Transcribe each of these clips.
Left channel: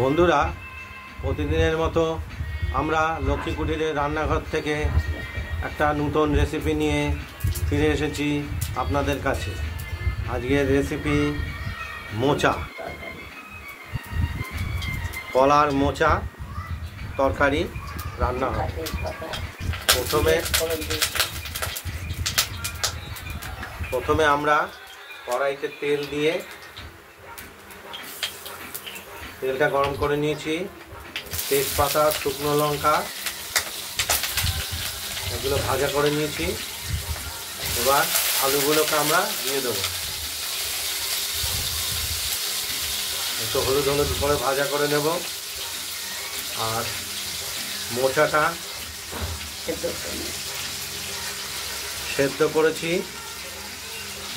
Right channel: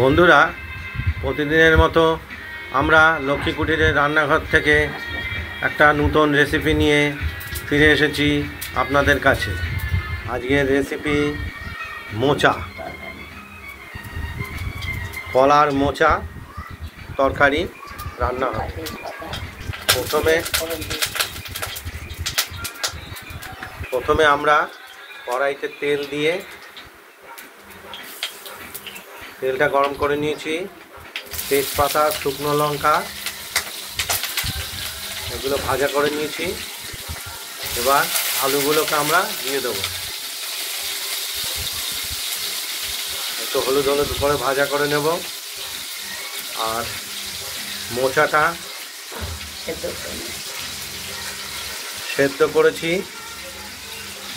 বন্ধুরা, প্রতিদিনের মতো আমরা লক্ষ্মী কুটিরের রান্নাঘর থেকে একটা নতুন রেসিপি নিয়ে ফিরে এসেছি আপনাদের কাছে। আজকের রেসিপি মোচা, কলার মোচা তরকারি রান্না হয়। প্রথমে আমরা কড়াইতে তেল দিয়ে তেলটা গরম করে নিয়েছি। তেজপাতা, শুকনো লঙ্কা এগুলো ভাজা করে নিয়েছি। এবার আলুগুলোকে আমরা দিয়ে দেবো। একটু হলুদ করে ভাজা করে নেব। আর মোচাটা সেদ্ধ করেছি।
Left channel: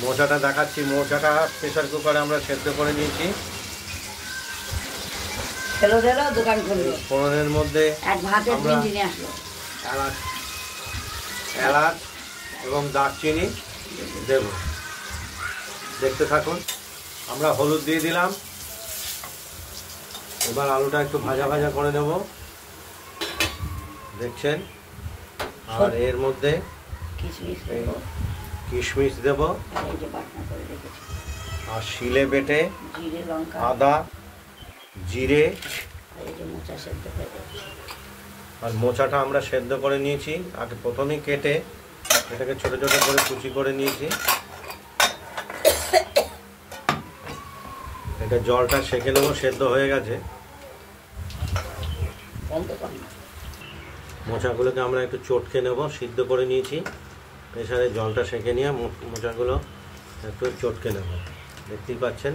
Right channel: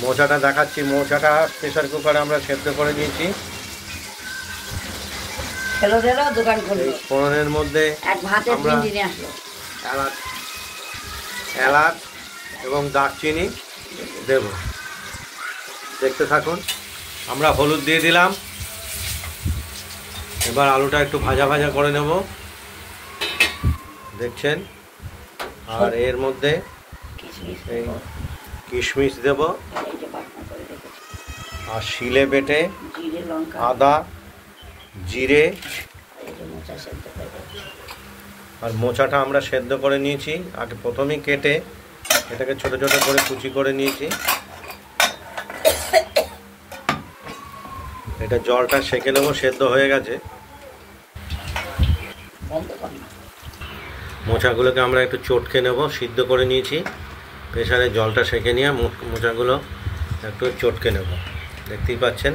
মোচাটা দেখাচ্ছি। মোচাটা প্রেসার কুকারে আমরা সেদ্ধ করে নিয়েছি। ফোড়নের মধ্যে এলাচ এবং দারচিনি দেব। দেখতে থাকুন। আমরা হলুদ দিয়ে দিলাম। এবার আলুটা একটু ভাজা ভাজা করে নেব, দেখছেন। আর এর মধ্যে কিশমিশ দেব, আর শিলে বেটে আদা, জিরে আর মোচাটা আমরা সেদ্ধ করে নিয়েছি। আগে প্রথমেই কেটে এটাকে ছোট ছোট করে কুচি করে নিয়েছি। এটা জলটা সেঁকে নেবো, সেদ্ধ হয়ে গেছে। মোচাগুলোকে আমরা একটু চটকে নেব। সিদ্ধ করে নিয়েছি, প্রেসারে জলটা সেঁকে নিয়ে মোচাগুলো একটু চটকে নেব। দেখতেই পাচ্ছেন,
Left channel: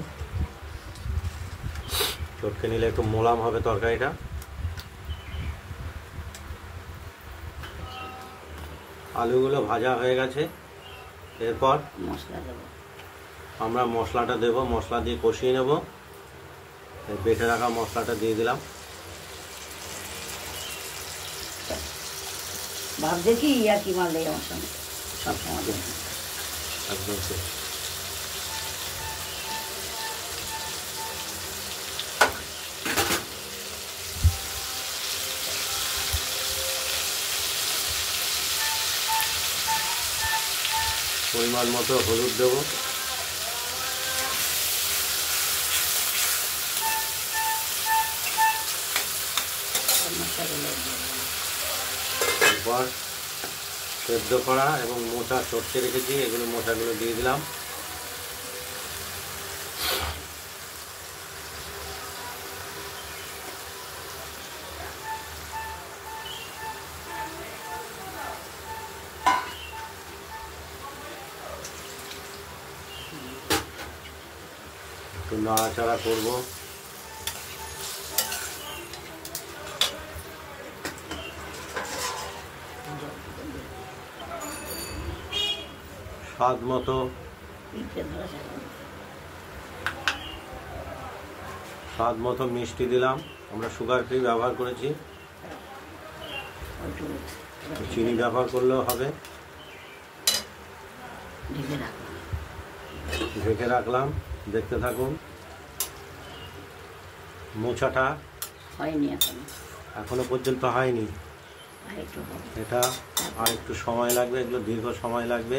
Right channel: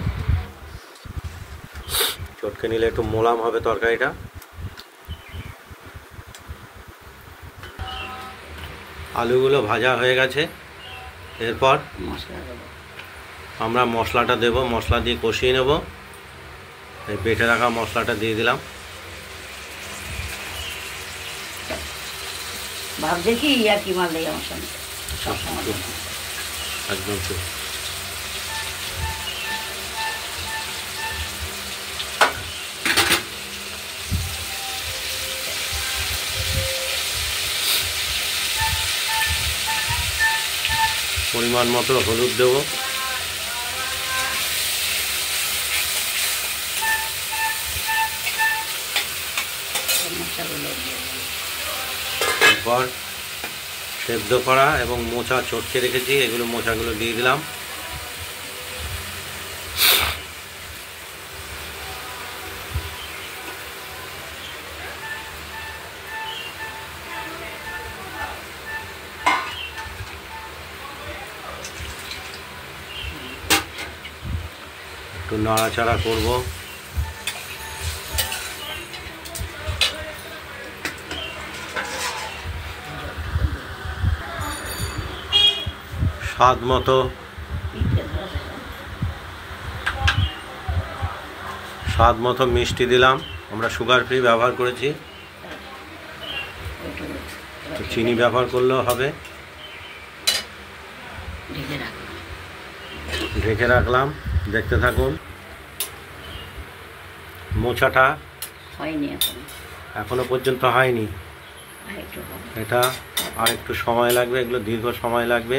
চটকে নিলে একটু মোলাম হবে তরকারিটা। আলুগুলো ভাজা হয়ে গেছে। এরপর আমরা মশলাটা দেব। মশলা দিয়ে কষিয়ে নেব। এই বেটে রাখা মশলাটা দিয়ে দিলাম। ভাবছে কি আর কি মারলে আমার সঙ্গে সবসময় একদম ঠিক। পরিমাণ মতো হলুদ দেব। এরপর সেদ্ধ করা এবং মোচা চটকে রেখেছি, এগুলো মোচাগুলো দিয়ে দিলাম। একটু নাড়াচাড়া করব। স্বাদ মতো মিষ্টি দিলাম। আমরা সুগার ফ্রি ব্যবহার করেছি, চিনি ব্যবহার করলেও হবে। ঢেকে রাখলাম। দেখতে থাকুন। মোচাটা এখনো পর্যন্ত হয়নি, এটা আর একটু সময় লাগবে। এগুলো দীর্ঘ সময় লাগবে।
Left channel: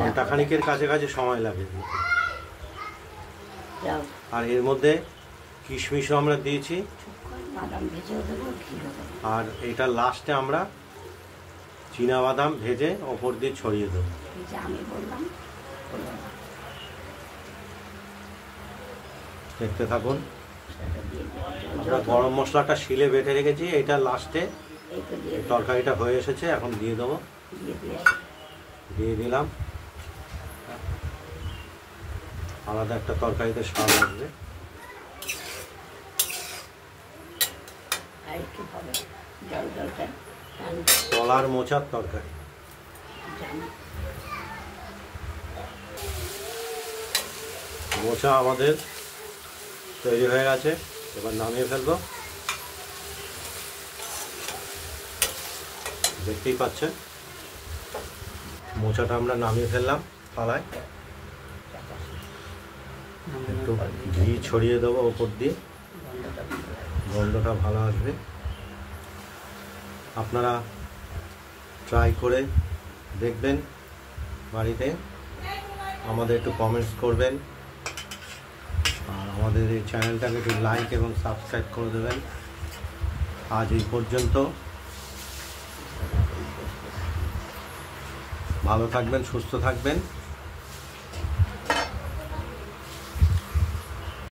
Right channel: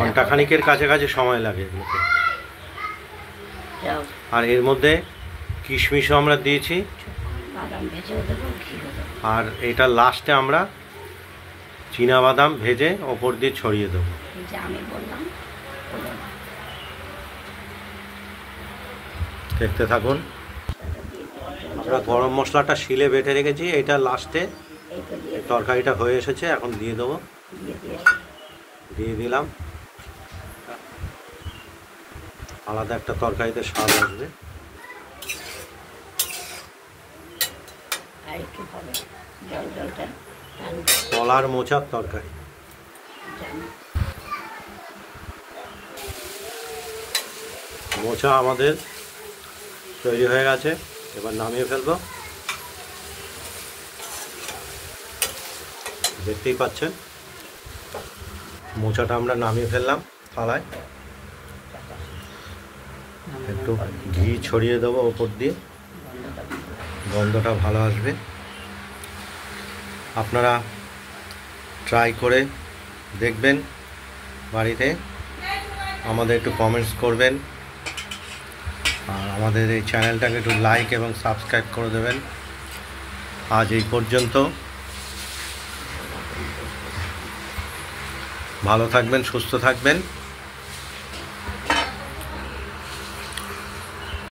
ঘন্টা খানিকের কাছাকাছি সময় লাগে এগুলোকে। আর এর মধ্যে কিশমিশও আমরা দিয়েছি। আর এটা লাস্টে আমরা চীনাবাদাম ভেজে ওপর দিয়ে ছড়িয়ে দেবো। দেখতে থাকুন। আমরা গরম মশলাটা শিলে বেটে রেখেছি, এটা লাস্টে তরকারিটা হয়ে এসেছে, এখন দিয়ে দেবো। দিয়ে দিলাম। আলাদা একটা তরকারিতে স্বাদ আসবে। কলার মোচার তরকারি। মোচা আমাদের তৈরি হয়ে গেছে। এবার নামিয়ে ফেলবো। দেখতেই পাচ্ছেন, মোচাটা আমরা নামিয়ে ফেললাম থালায়। একটু ঘি ছড়িয়ে দেবো ওপর দিয়ে, গন্ধটা ভালো আসবে। আপনারা ট্রাই করে দেখবেন বাড়িতে, আমাদের একটু কমেন্টস করবেন, আর আমাদের এই চ্যানেলটাকে একটু লাইক এবং সাবস্ক্রাইব করে দেবেন। আজ এই পর্যন্ত, ভালো থাকবেন, সুস্থ থাকবেন।